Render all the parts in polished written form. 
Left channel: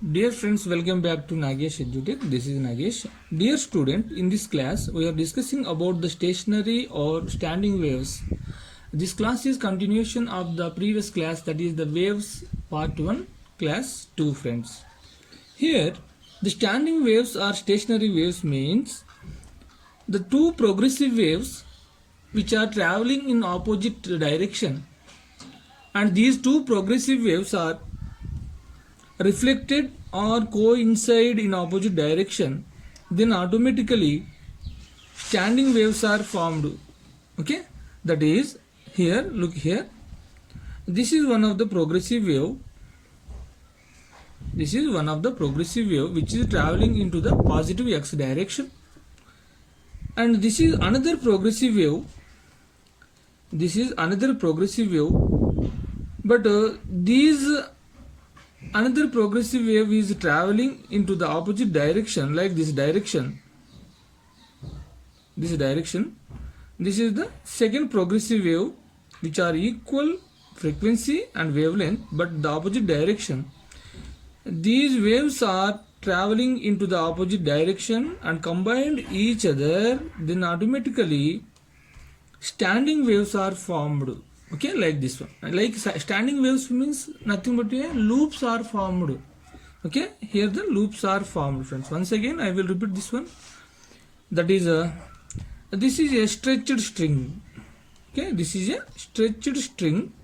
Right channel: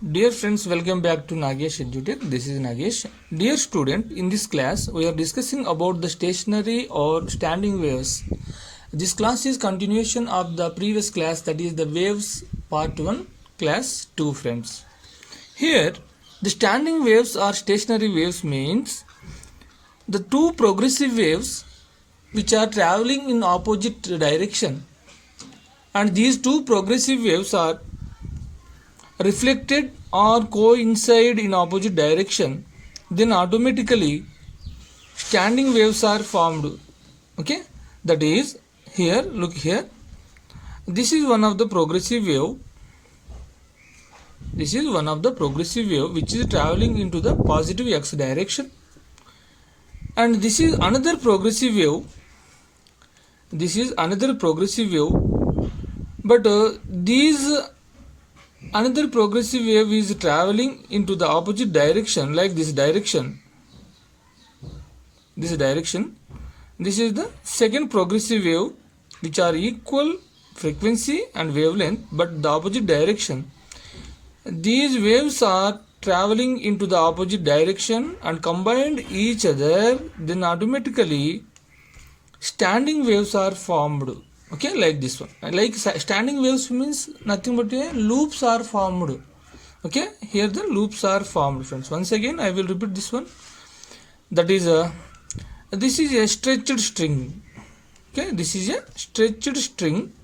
Dear friends, welcome back to Nagesh EduTech. This is Nagesh. Dear student, in this class we are discussing about the stationary or standing waves. This class is continuation of the previous class, that is the waves part 1, class 2 friends. Here the standing waves or stationary waves means the two progressive waves which are traveling in opposite direction, and these two progressive waves are reflected or coincide in opposite direction, then automatically standing waves are formed. Okay, that is, here look here, this is one of the progressive wave. This is one of the progressive wave which is traveling into the positive x direction, and this is another progressive wave. This is another progressive wave, but another progressive wave is traveling into the opposite direction, like this direction. This direction. This is the second progressive wave, which are equal frequency and wavelength, but the opposite direction. These waves are traveling into the opposite direction and combined each other, then automatically standing waves are formed. Okay, like this one. Like standing waves means nothing but loops are formed. Okay, here the loops are formed, friends. Once again I will repeat this one. That is this is a stretched string. Okay, this is a stretched string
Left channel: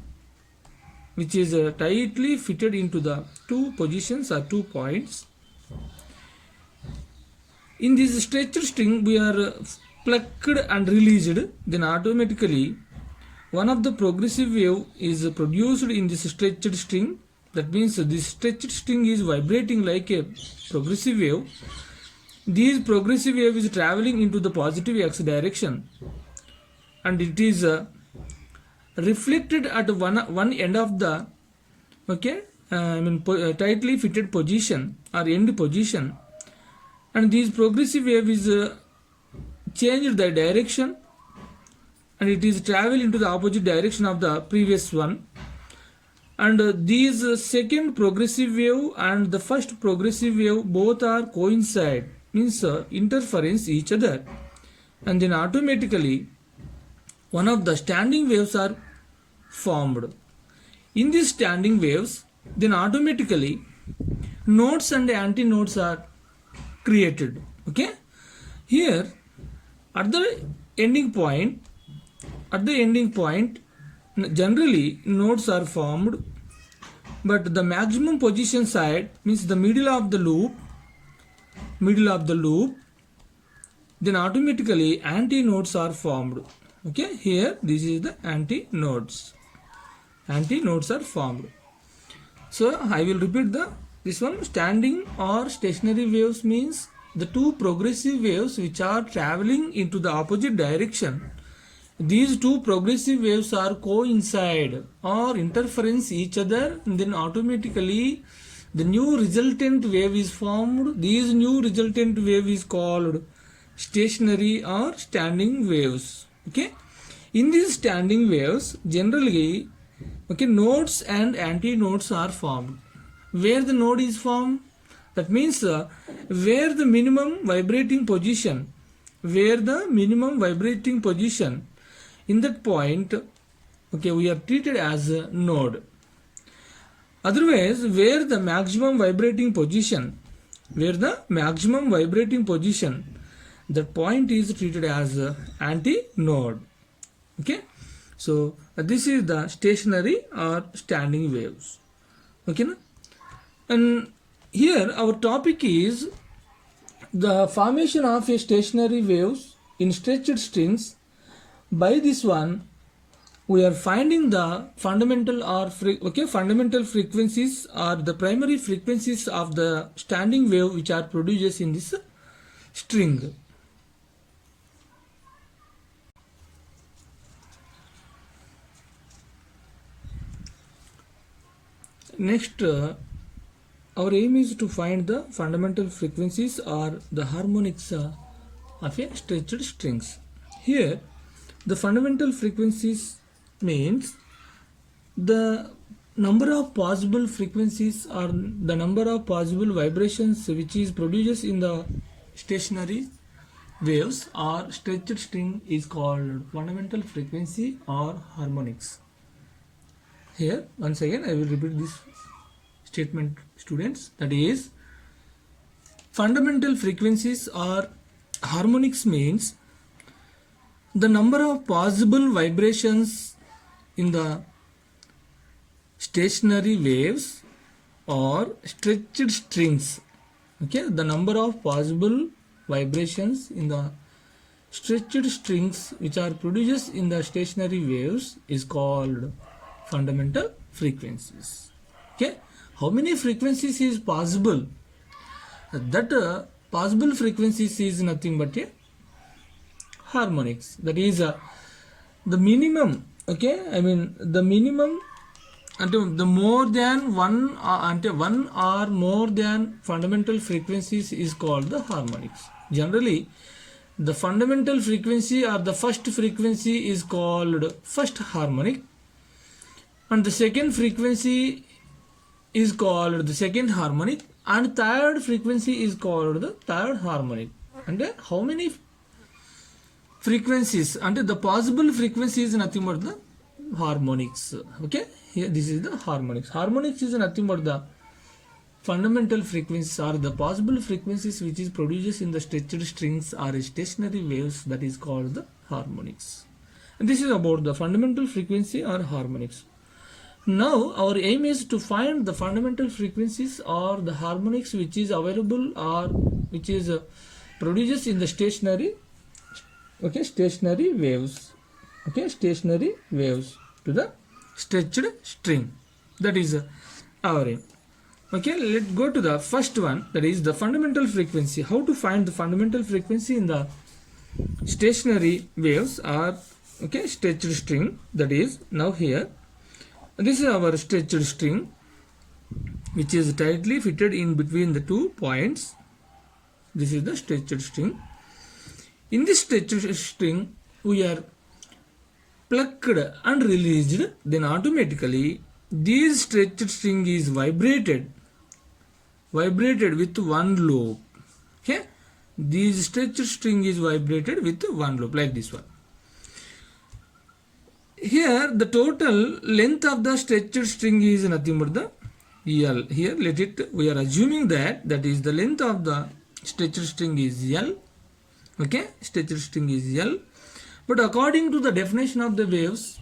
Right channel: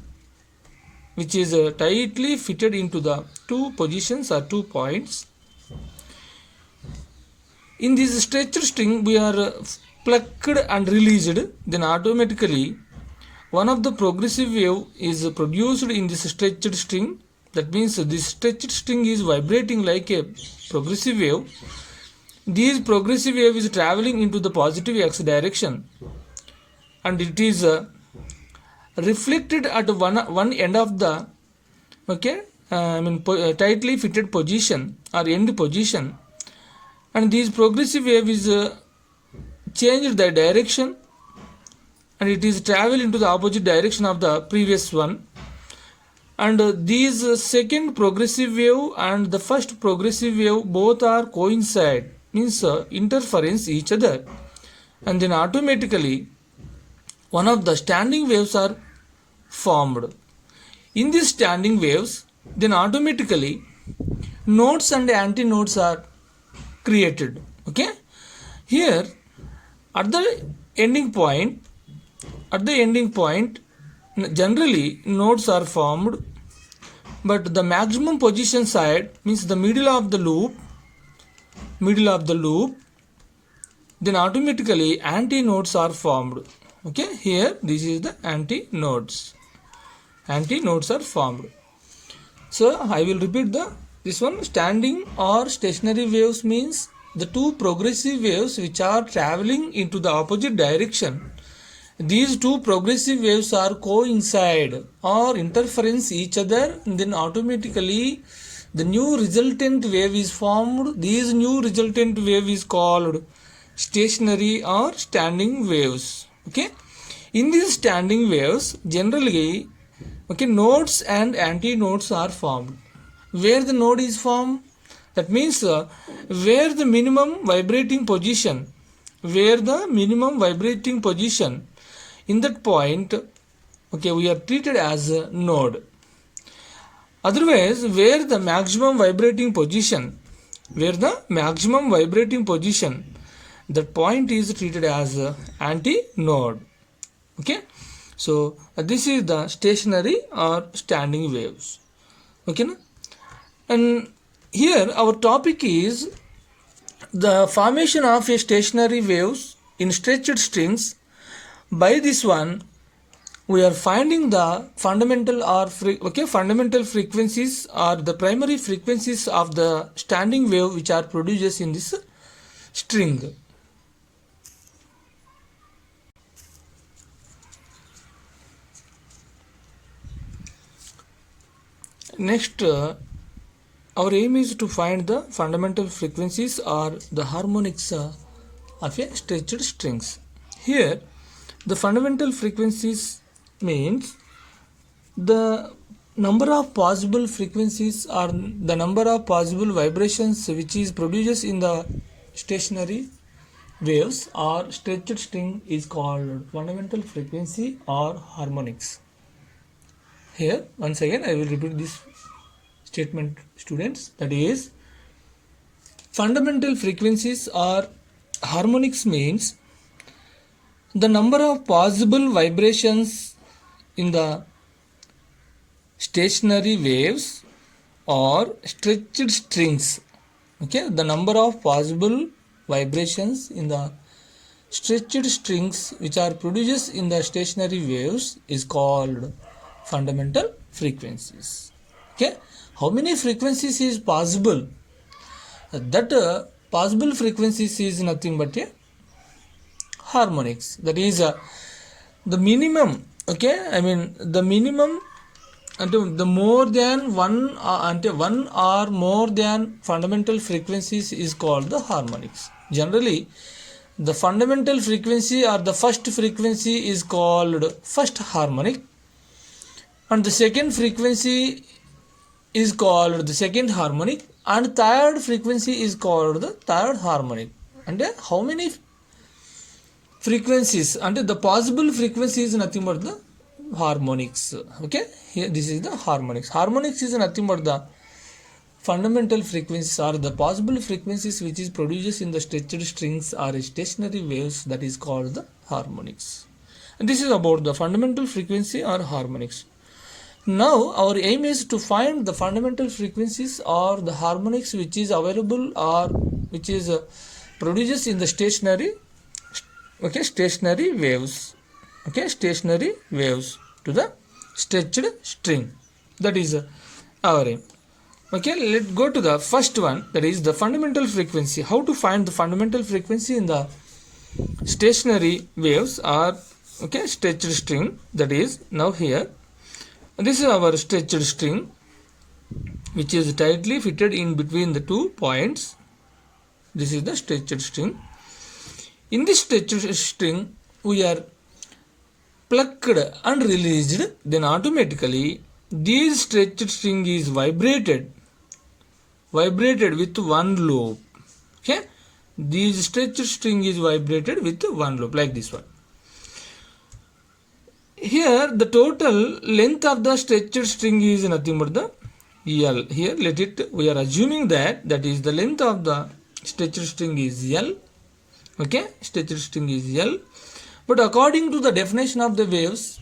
which is tightly fitted into the two positions or 2 points. In this stretched string we are plucked and released, then automatically one of the progressive wave is produced in this stretched string. That means this stretched string is vibrating like a progressive wave. This progressive wave is traveling into the positive x direction, and it is reflected at one end of the tightly fitted position or end position, and this progressive wave is changed the direction, and it is travel into the opposite direction of the previous one. And these second progressive wave and the first progressive wave both are coincide, means interference each other, and then automatically one of the standing waves are formed. In these standing waves, then automatically nodes and antinodes are created. Okay, here at the ending point, generally nodes are formed, but the maximum position side means the middle of the loop, then automatically antinodes are formed. Okay, here this is the antinodes are formed. So I will repeat this one. Standing or stationary waves means the two progressive waves which are traveling into the opposite direction. These two progressive waves are coincide or interference each other, and then automatically the new resultant wave is formed. This new resultant wave is called stationary or standing waves. Okay, in these standing waves generally nodes and antinodes are formed. Where the node is formed, that means where the minimum vibrating position, in that point, we are treated as a node. Otherwise, where the maximum vibrating position, that point is treated as antinode. Okay, so this is the stationary or standing waves. Okay, and here our topic is the formation of a stationary waves in stretched strings. By this one, we are finding the fundamental frequencies or the primary frequencies of the standing wave which are produced in this string. Next, our aim is to find the fundamental frequencies or the harmonics of a stretched strings. Here the fundamental frequencies means the number of possible frequencies or the number of possible vibrations which is produces in the stationary waves or stretched string is called fundamental frequency or harmonics. Here once again I will repeat this statement, students, that is fundamental frequencies or harmonics means the number of possible vibrations in the stationary waves or stretched strings. Okay, the number of possible vibrations in the stretched strings which are produced in the stationary waves is called fundamental frequencies. Okay, how many frequencies is possible? That possible frequencies is nothing but a harmonics. That is the minimum. Okay, I mean the minimum until the more than one until one or more than fundamental frequencies is called the harmonics. Generally, the fundamental frequency or the first frequency is called first harmonic, and the second frequency is called the second harmonic, and third frequency is called the third harmonic. And how many frequencies? And the possible frequency is nothing but the harmonics. Okay, here this is the harmonics. Harmonics is nothing but the fundamental frequencies or the possible frequencies which is produced in the stretched strings or stationary waves, that is called the harmonics. And this is about the fundamental frequency or harmonics. Now our aim is to find the fundamental frequencies or the harmonics which is available or which is produced in the stationary waves. Okay, stationary waves to the stretched string. That is our aim. Okay, let's go to the first one, that is the fundamental frequency. How to find the fundamental frequency in the stationary waves or stretched string? That is, now here this is our stretched string which is tightly fitted in between the 2 points. This is the stretched string. In this stretched string we are plucked and released, then automatically this stretched string is vibrated with one loop. Okay, this stretched string is vibrated with one loop like this one. Here the total length of the stretched string is nothing but the L. Here we are assuming that is the length of the stretched string is L. Okay, stretched string is L. But according to the definition of the waves,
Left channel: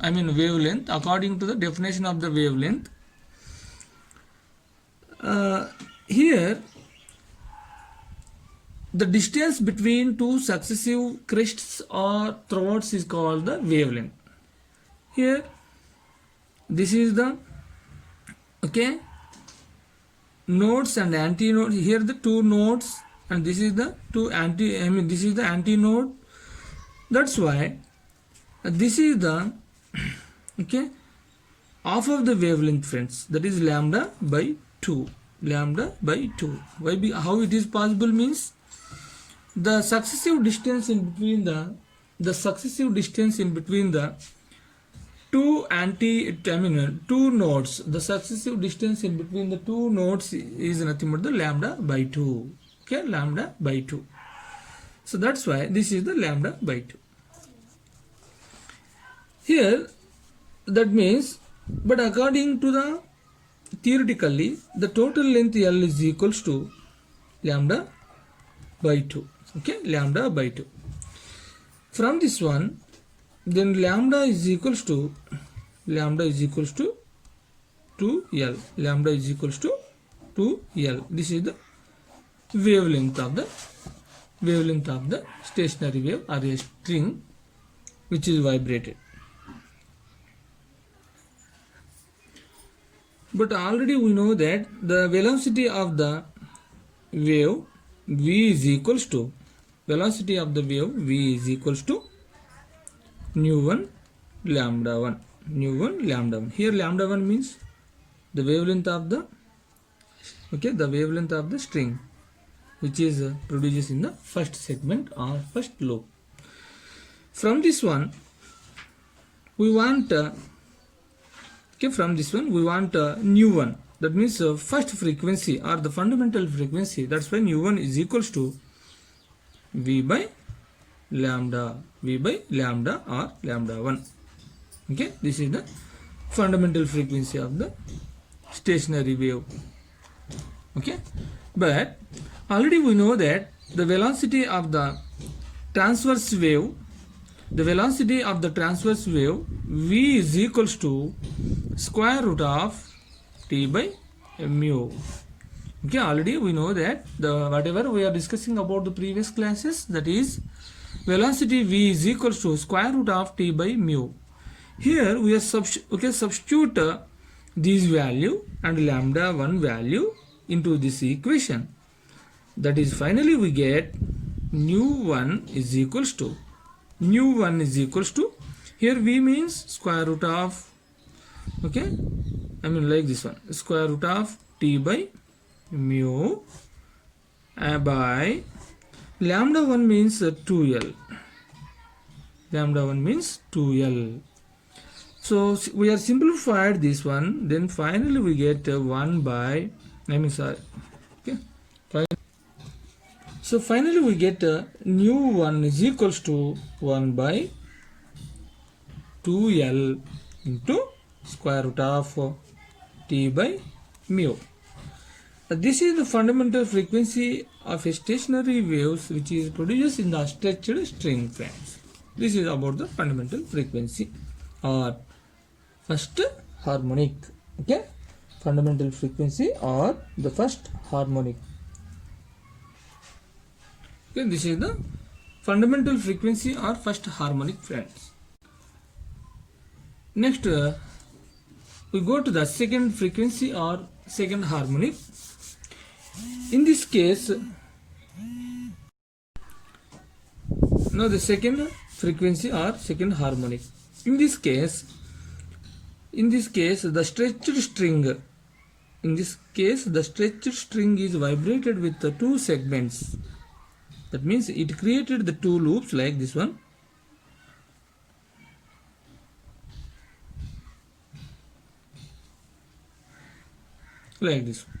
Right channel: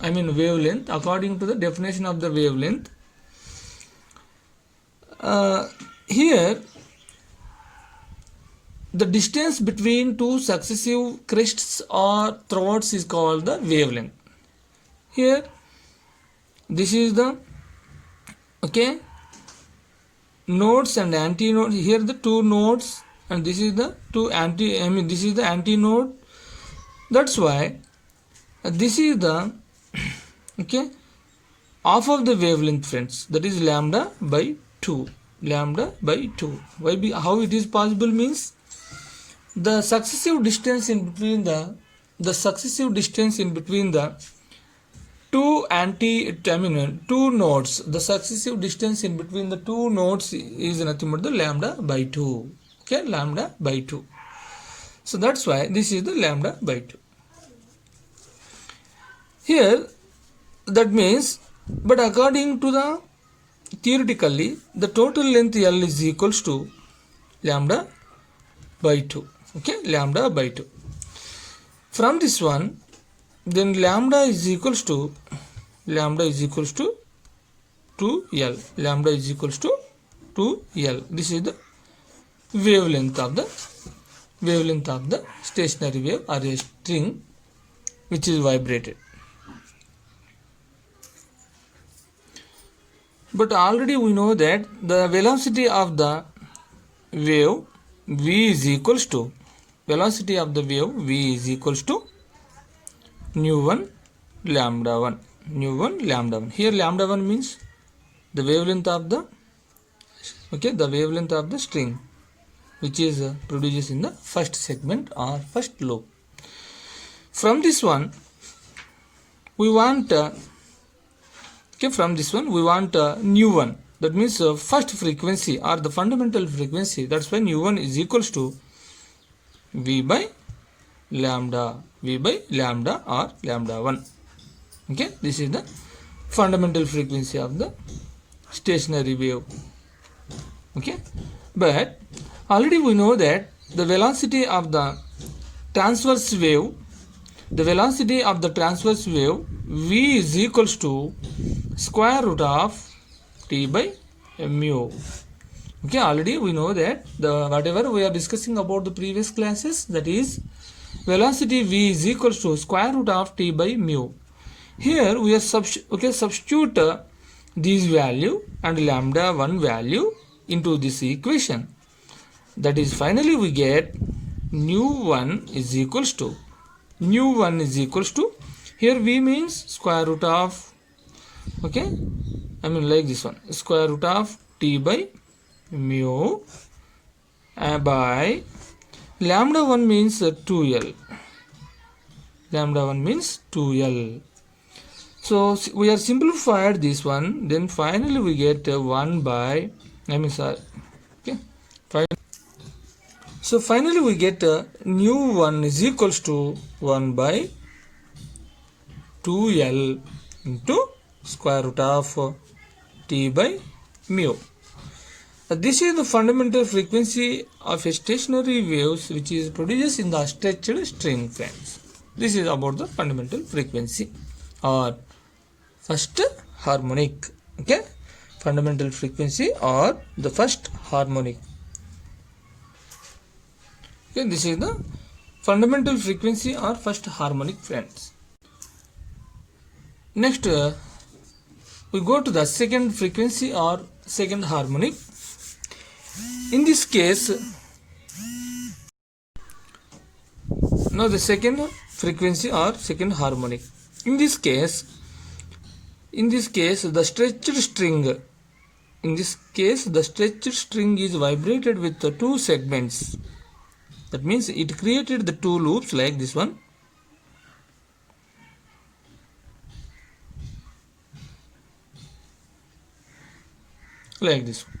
I mean wavelength, according to the definition of the wavelength, here the distance between two successive crests or throats is called the wavelength. Here this is the nodes and antinodes. Here the two nodes, and this is the this is the antinode. That's why this is the half of the wavelength, friends. That is lambda by 2. Lambda by 2. Why? How it is possible means the successive distance in between the two nodes. The successive distance in between the two nodes is nothing but the lambda by 2. Okay, lambda by 2. So that's why this is the lambda by 2. Here that means, but according to the theoretically, the total length L is equals to lambda by 2. Okay, lambda by 2. From this one, then lambda is equals to 2L. Lambda is equals to 2L. This is the wavelength of the stationary wave or a string which is vibrated. But already we know that the velocity of the wave v is equals to nu1 lambda 1. Here lambda 1 means the wavelength of the string which is produced in the first segment or first loop. From this one we want Okay, from this one we want a new one. That means first frequency or the fundamental frequency. That's why new one is equals to V by lambda or lambda 1. Okay, this is the fundamental frequency of the stationary wave. Okay, but already we know that the velocity of the transverse wave v is equals to square root of t by mu. Okay, already we know that the whatever we are discussing about the previous classes, that is velocity v is equals to square root of t by mu. Here we are substitute this value and lambda 1 value into this equation. That is finally we get nu 1 is equals to here v means square root of, okay, I mean like this one, square root of t by mu by lambda 1 means 2l. So we are simplified this one, then finally we get 1 by, so finally we get nu 1 is equals to 1 by 2l into square root of t by mu. This is the fundamental frequency of a stationary waves which is produced in the stretched string, friends. This is about the fundamental frequency or first harmonic. Okay, fundamental frequency or the first harmonic. Okay, this is the fundamental frequency or first harmonic, friends. Next we go to the second frequency or second harmonic. In this case, now the second frequency or second harmonic. In this case the stretched string is vibrated with the two segments. That means it created the two loops like this one. Like this one.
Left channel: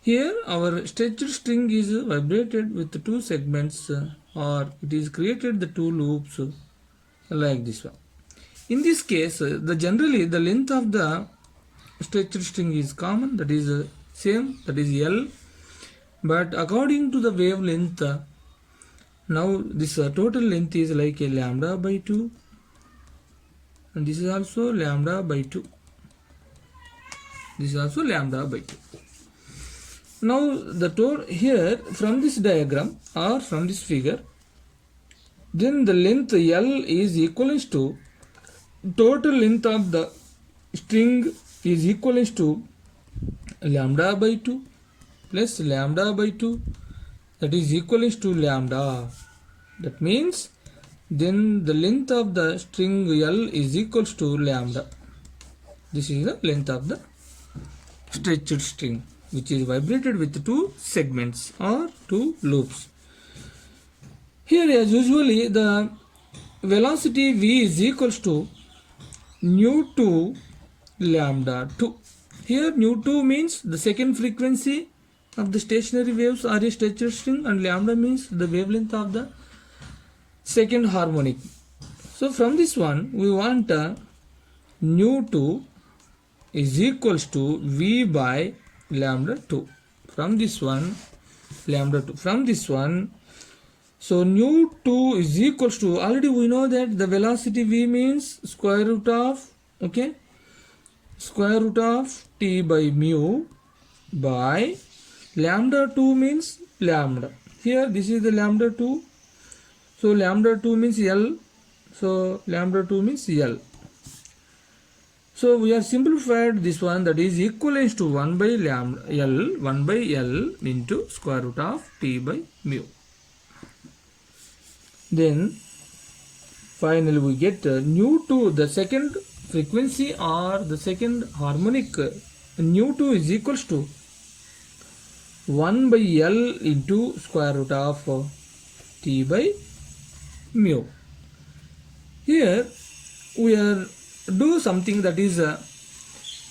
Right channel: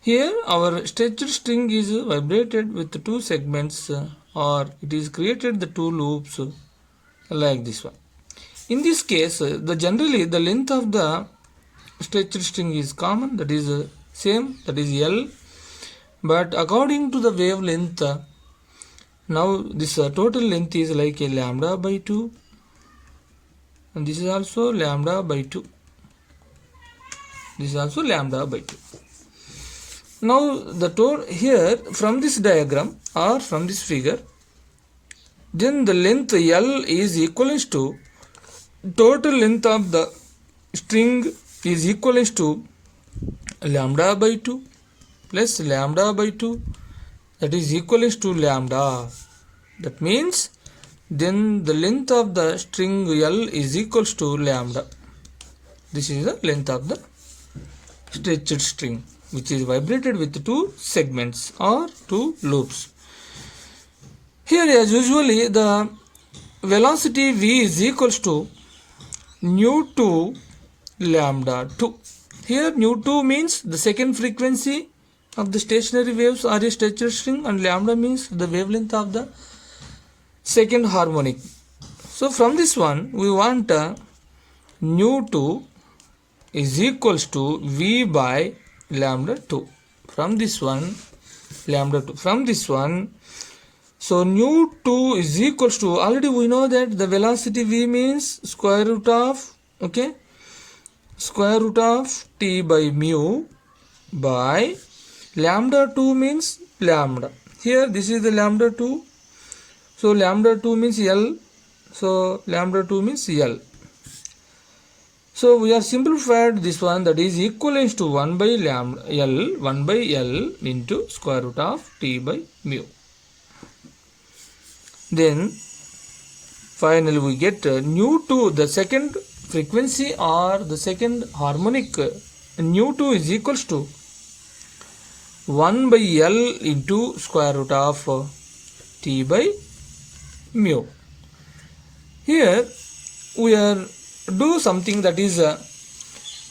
Here our stretched string is vibrated with the two segments or it is created the two loops like this one. In this case, generally the length of the stretched string is common, that is same, that is L. But according to the wavelength, now this total length is like a lambda by 2 and this is also lambda by 2. Now the here from this diagram or from this figure, then the length L is equivalent to total length of the string is equivalent to lambda by 2 plus lambda by 2, that is equivalent to lambda. That means then the length of the string L is equals to lambda. This is the length of the stretched string which is vibrated with two segments or two loops. Here as usually the velocity v is equals to nu 2 lambda 2. Here nu 2 means the second frequency of the stationary waves or a stretched string and lambda means the wavelength of the second harmonic. So from this one we want nu 2 is equals to v by lambda 2. From this one lambda 2. From this one, so nu 2 is equals to, already we know that the velocity v means square root of, okay, square root of t by mu by lambda 2 means lambda. Here this is the lambda 2, so lambda 2 means L, so lambda 2 means L. So we are simplified this one, that is equivalent to 1 by lambda L, 1 by L into square root of t by mu. Then finally we get nu 2, the second frequency or the second harmonic, nu 2 is equals to 1 by L into square root of t by mu. Here we are do something, that is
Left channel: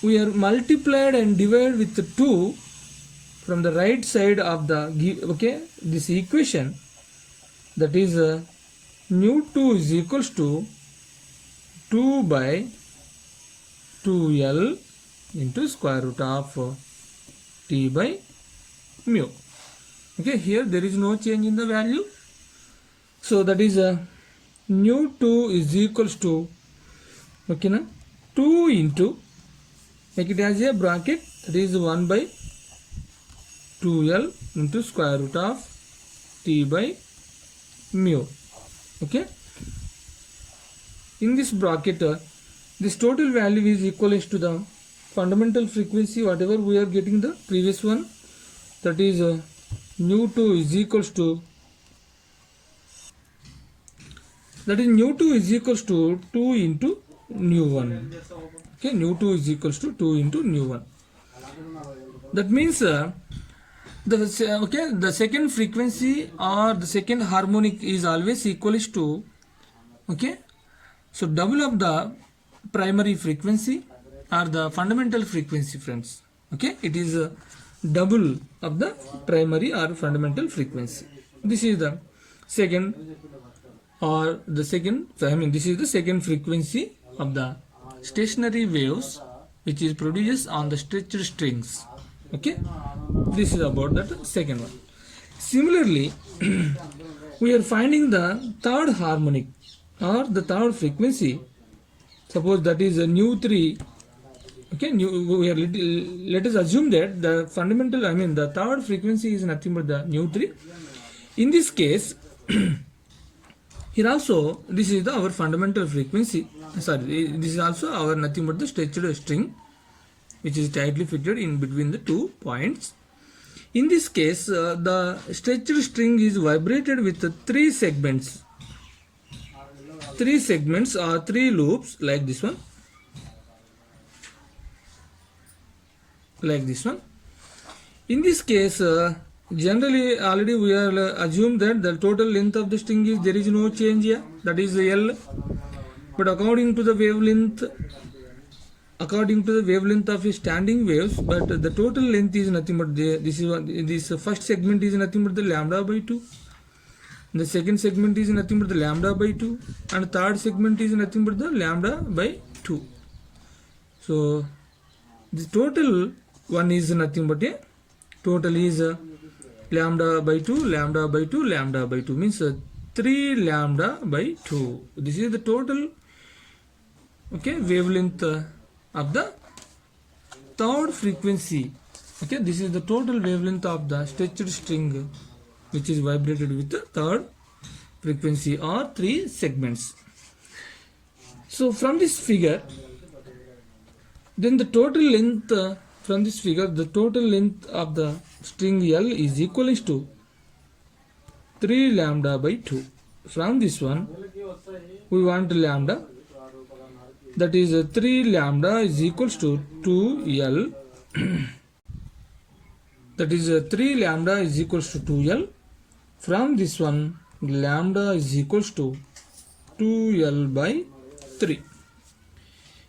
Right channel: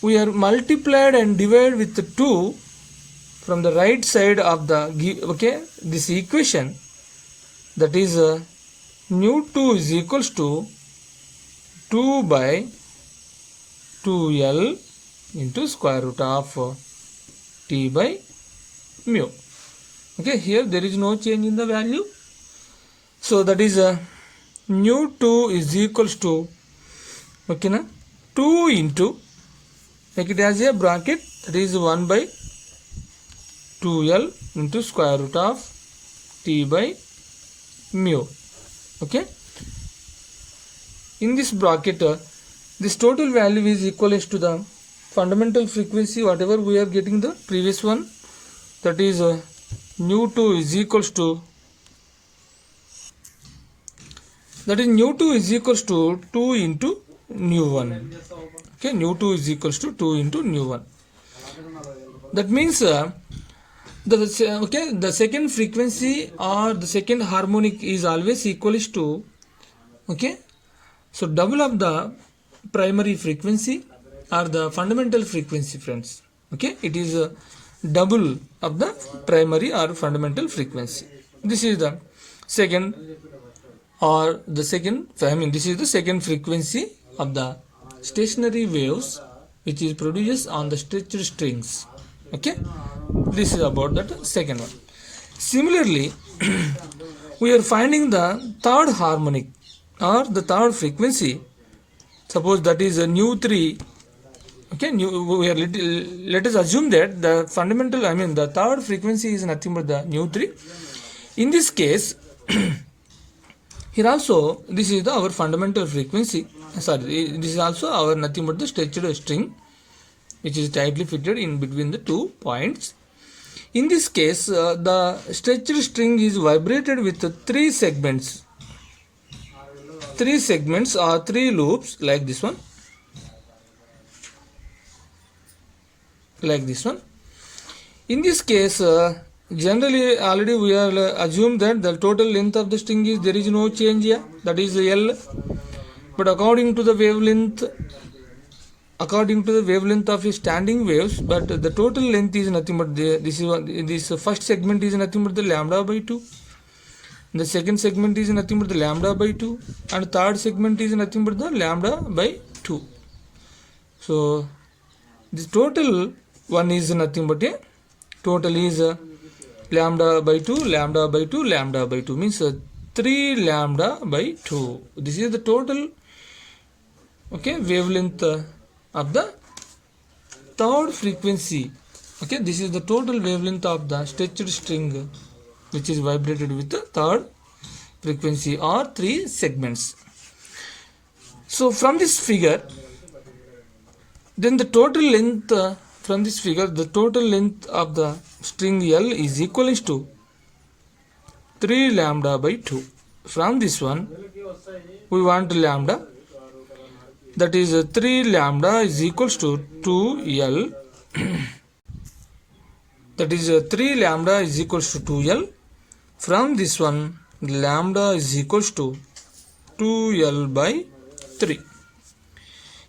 we are multiplied and divided with 2 from the right side of the this equation, that is nu2 is equals to 2 by 2L into square root of T by mu. Okay, here there is no change in the value. So that is nu2 is equals to 2 into, make it as a bracket, that is 1 by 2L into square root of T by mu. Okay, in this bracket this total value is equivalent to the fundamental frequency whatever we are getting the previous one, that is nu2 is equals to, that is nu2 is equals to 2 into nu1. Okay, nu2 is equals to 2 into nu1. That means the second frequency or the second harmonic is always equals to, so double of the primary frequency or the fundamental frequency, friends. Okay, it is double of the primary or fundamental frequency. This is the second, or the second, this is the second frequency of the stationary waves which is produced on the stretched strings. Okay, this is about that second one. Similarly, we are finding the third harmonic or the third frequency. Suppose that is a nu3. Okay, let us assume that the fundamental, the third frequency is nothing but the nu3. In this case, here also this is our fundamental frequency. This is also our nothing but the stretched string which is tightly fitted in between the 2 points. In this case, the stretched string is vibrated with 3 segments. 3 segments or 3 loops like this one. Like this one. In this case, generally already we are assumed that the total length of the string is, there is no change here, that is L. But according to the wavelength of a standing waves, but the total length is nothing but this first segment is nothing but the lambda by 2. The second segment is nothing but the lambda by 2, and third segment is nothing but the lambda by 2. So the total one is nothing but a total is lambda by 2, lambda by 2, lambda by 2, means 3 lambda by 2. This is the total wavelength of the third frequency. Okay, this is the total wavelength of the stretched string which is vibrated with the third frequency or 3 segments. So from this figure, then the total length from this figure, the total length of the string L is equal to 3 lambda by 2. From this one, we want lambda, that is 3 lambda is equals to 2L. That is 3 lambda is equals to 2L. From this one, lambda is equals to 2L by 3.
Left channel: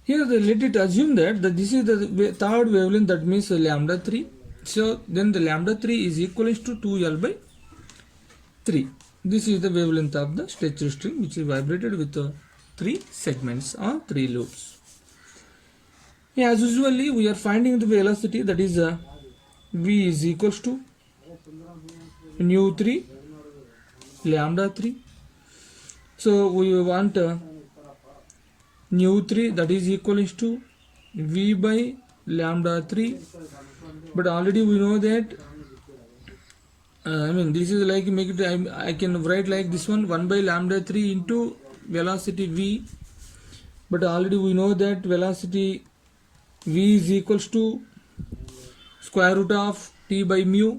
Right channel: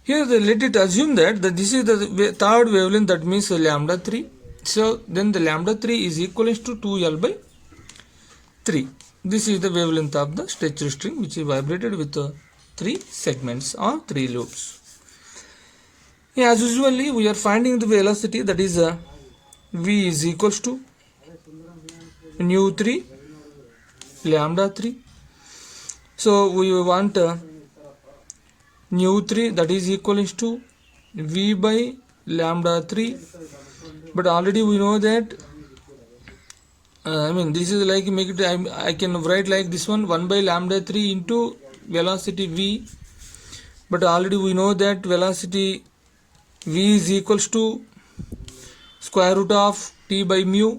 Here let it assume that this is the third wavelength, that means lambda 3. So then the lambda 3 is equal to 2L by 3. This is the wavelength of the stretched string which is vibrated with 3 segments or 3 loops. As usually we are finding the velocity, that is V is equals to nu 3 lambda 3. So we want nu 3, that is equal to V by lambda 3, but already we know that this is like, make it, I can write like this one, 1 by lambda 3 into velocity V, but already we know that velocity V is equals to square root of T by mu,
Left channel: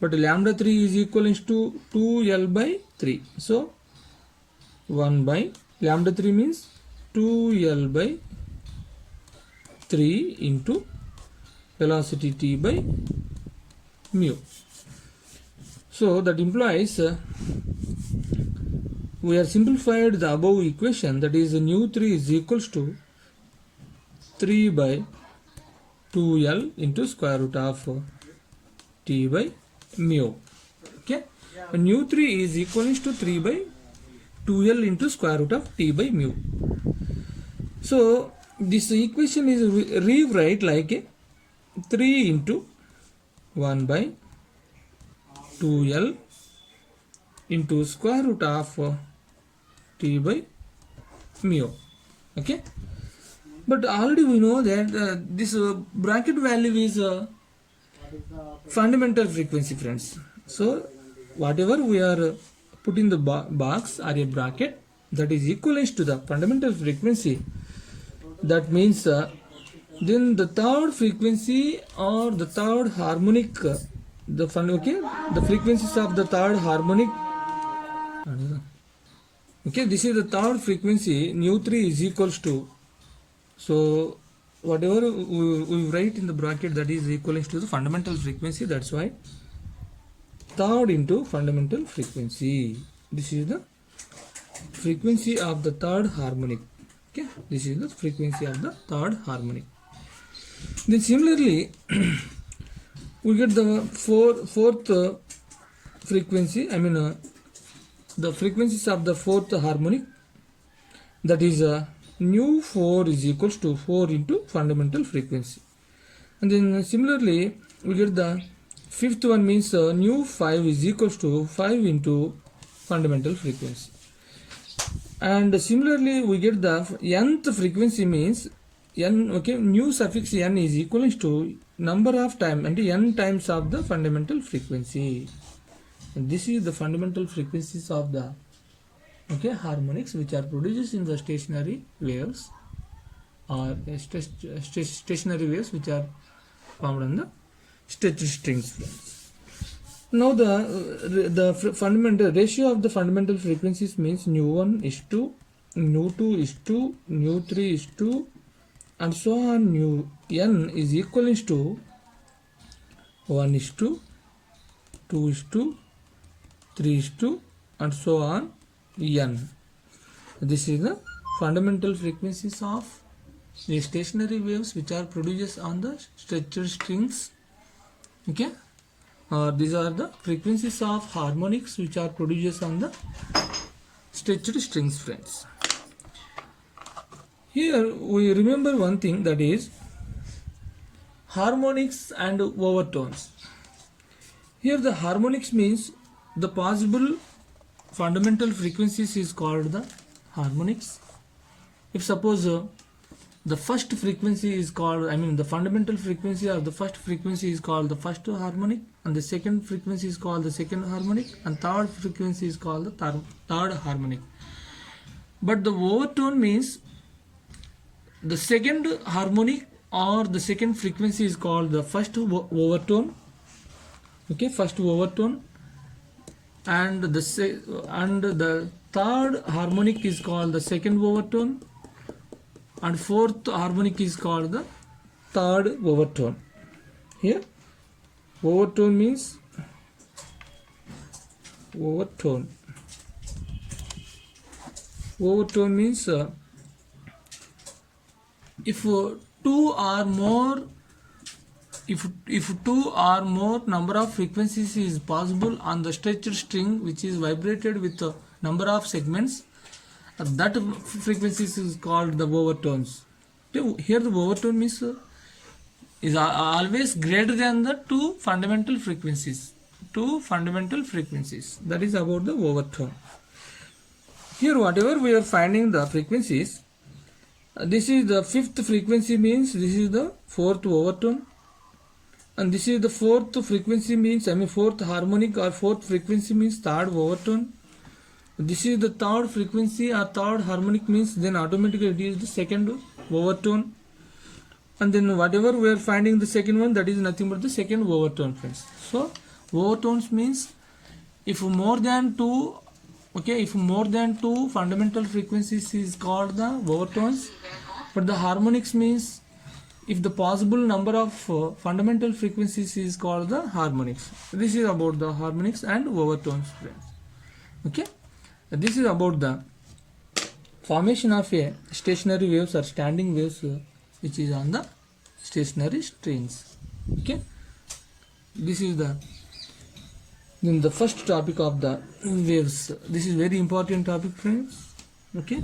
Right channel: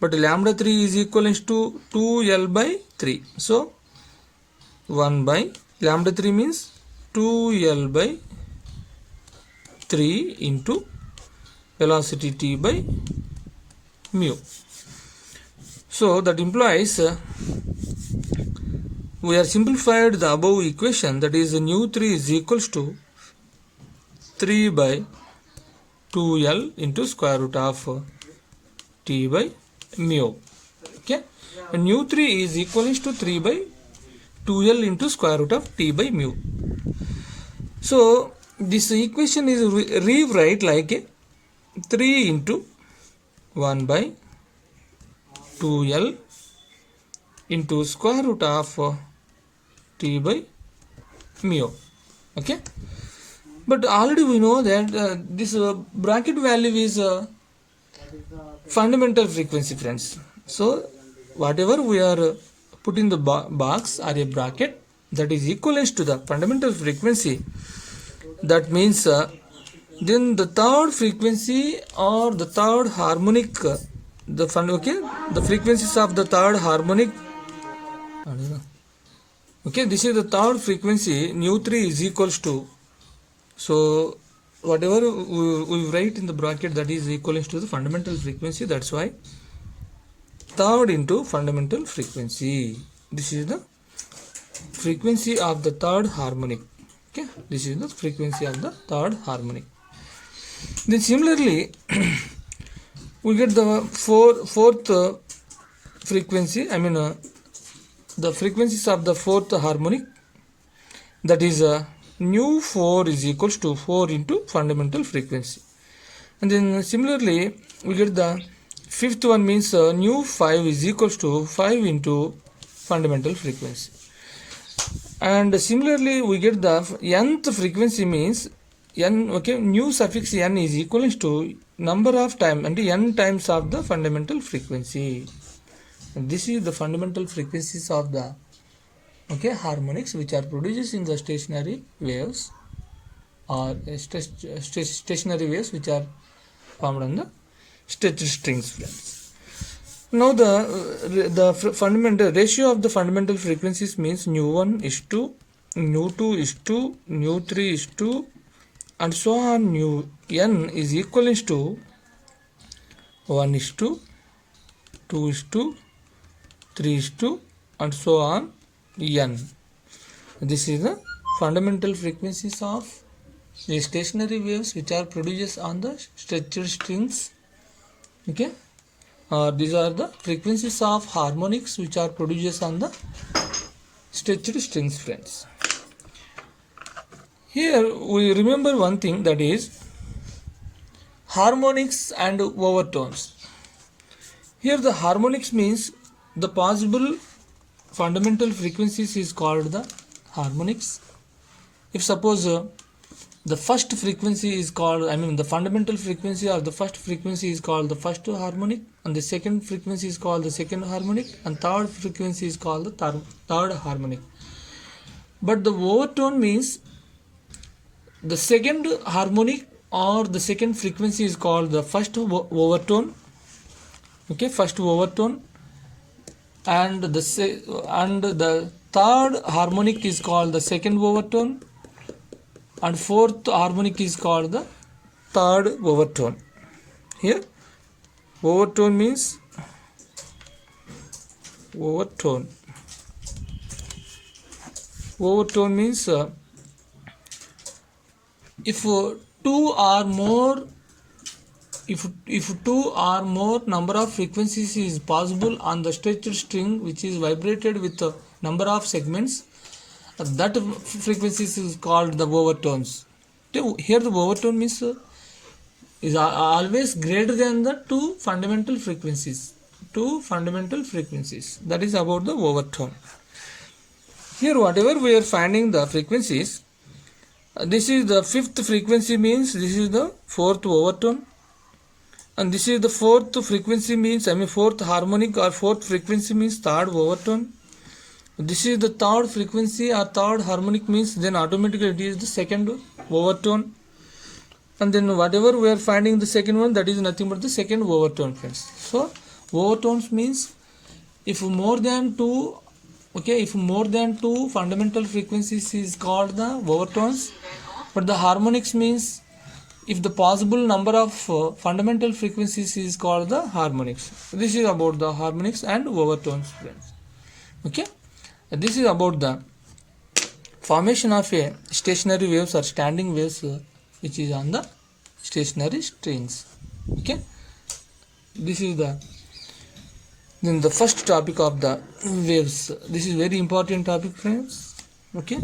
but lambda 3 is equal to 2L by 3. So 1 by lambda 3 means 2L by 3 into velocity T by mu. So that implies we have simplified the above equation, that is nu 3 is equals to 3 by 2l into square root of t by mu. Okay, and nu3 is equal to 3 by 2l into square root of t by mu. So this equation is rewrite like a 3 into 1 by 2l into square root of t by mu. Okay, but already we know that this bracket value is fundamental frequency, friends. So whatever we are put in the box or a bracket, that is equivalent to the fundamental frequency. That means then the third frequency or the third harmonic, the frequencies of the third harmonic. Okay, this is the third frequency. Nu3 is equals to, so whatever we write in the bracket, that is equivalent to the fundamental frequency. That's why third into fundamental frequency. This is the frequency of the third harmonic. Okay, this is the frequency of the third harmonic. Then similarly we get the fourth frequency, the frequencies of the fourth harmonic, that is nu4 is equals to 4 into fundamental frequency. And then similarly we get the fifth one, means nu5 is equals to 5 into fundamental frequency. And similarly we get the nth frequency, means n, okay, nu suffix n is equivalent to number of time and n times of the fundamental frequency. And this is the fundamental frequencies of the harmonics which are produced in the stationary waves, or stationary waves which are formed on the stretched strings. Now the fundamental ratio of the fundamental frequencies means nu1 is to nu2 is to nu3 is to, and so on. Nu n is equivalent to 1 is to 2 is to 3 is to, and so on n. This is the fundamental frequencies of the stationary waves which are produced on the stretched strings. Okay, these are the frequencies of harmonics which are produced on the stretched strings, friends. Here we remember one thing, that is harmonics and overtones. Here the harmonics means the possible fundamental frequencies is called the harmonics. If suppose the first frequency is called, the fundamental frequency or the first frequency is called the first harmonic, and the second frequency is called the second harmonic, and third frequency is called the third harmonic. But the overtone means the second harmonic or the second frequency is called the first overtone. Okay, first overtone, and the third harmonic is called the second overtone, and fourth harmonic is called the third overtone. Here overtone means if two or more number of frequencies is possible on the stretched string which is vibrated with a number of segments, that frequencies is called the overtones. Here the overtone means is always greater than the two fundamental frequencies. That is about the overtone. Here whatever we are finding the frequencies, this is the fifth frequency, means this is the fourth overtone, and this is the fourth frequency, means fourth harmonic or fourth frequency means third overtone. This is the third frequency or third harmonic, means then automatically it is the second overtone. And then whatever we are finding the second one, that is nothing but the second overtone, friends. So overtones means if more than two fundamental frequencies is called the overtones, but the harmonics means if the possible number of fundamental frequencies is called the harmonics. This is about the harmonics and overtones, friends. Okay, this is about the formation of a stationary waves or standing waves which is on the stationary strings. Okay, this is the first topic of the waves. This is very important topic, friends. Okay.